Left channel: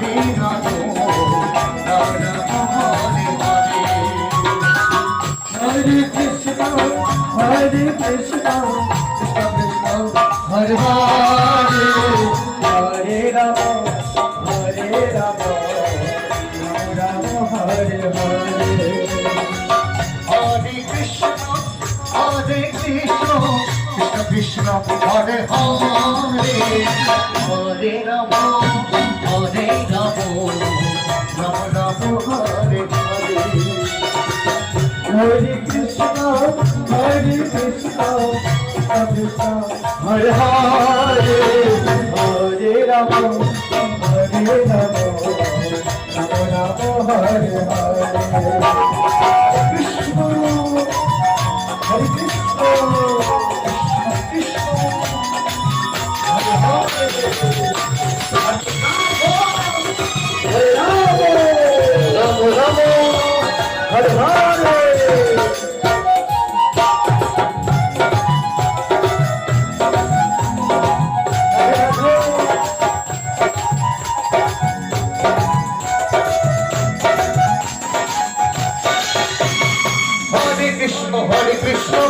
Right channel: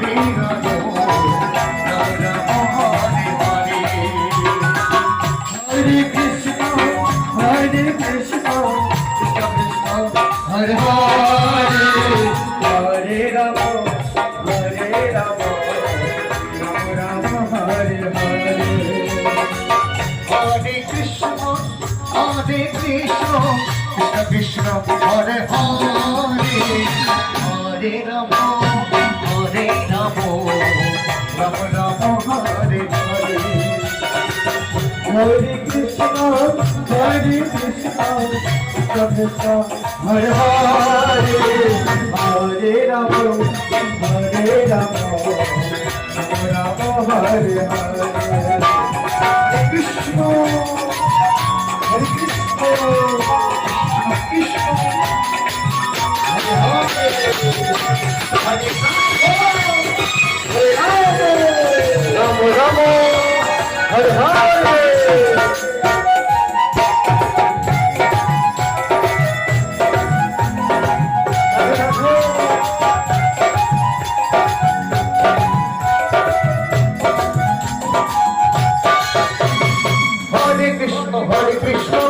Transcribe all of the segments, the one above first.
Hare Hare Rama Hare Rama Rama Rama Hare Hare Hare Krishna Krishna Krishna Hare Hare Hare Rama Hare Rama Rama Rama Hare Hare Hare Krishna Krishna Krishna Hare Hare Hare Rama Hare Rama Rama Rama Hare Hare Hare Krishna Hare Krishna Krishna Hare Hare Hare Rama Rama Rama Hare Hare Krishna Krishna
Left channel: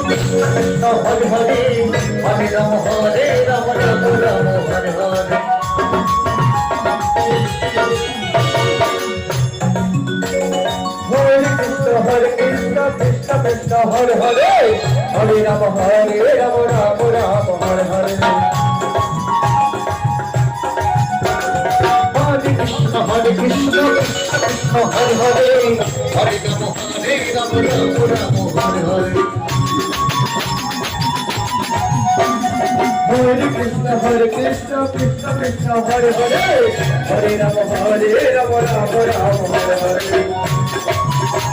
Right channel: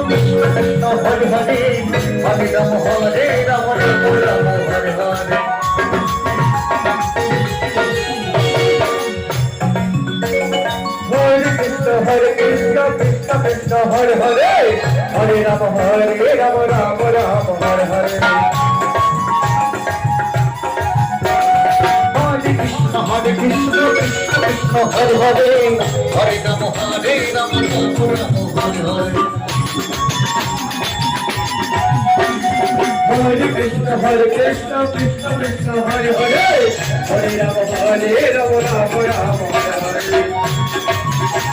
Krishna Hare Hare Hare Rama Hare Rama Rama Rama Hare Hare Hare Krishna Krishna Krishna Hare Hare Hare Rama Hare Rama Rama Rama Hare Hare Hare Krishna Krishna Krishna Hare Hare Hare Rama Hare Rama Rama Rama Hare Hare Hare Krishna Krishna Krishna Hare Hare Hare Rama Hare Rama Rama Rama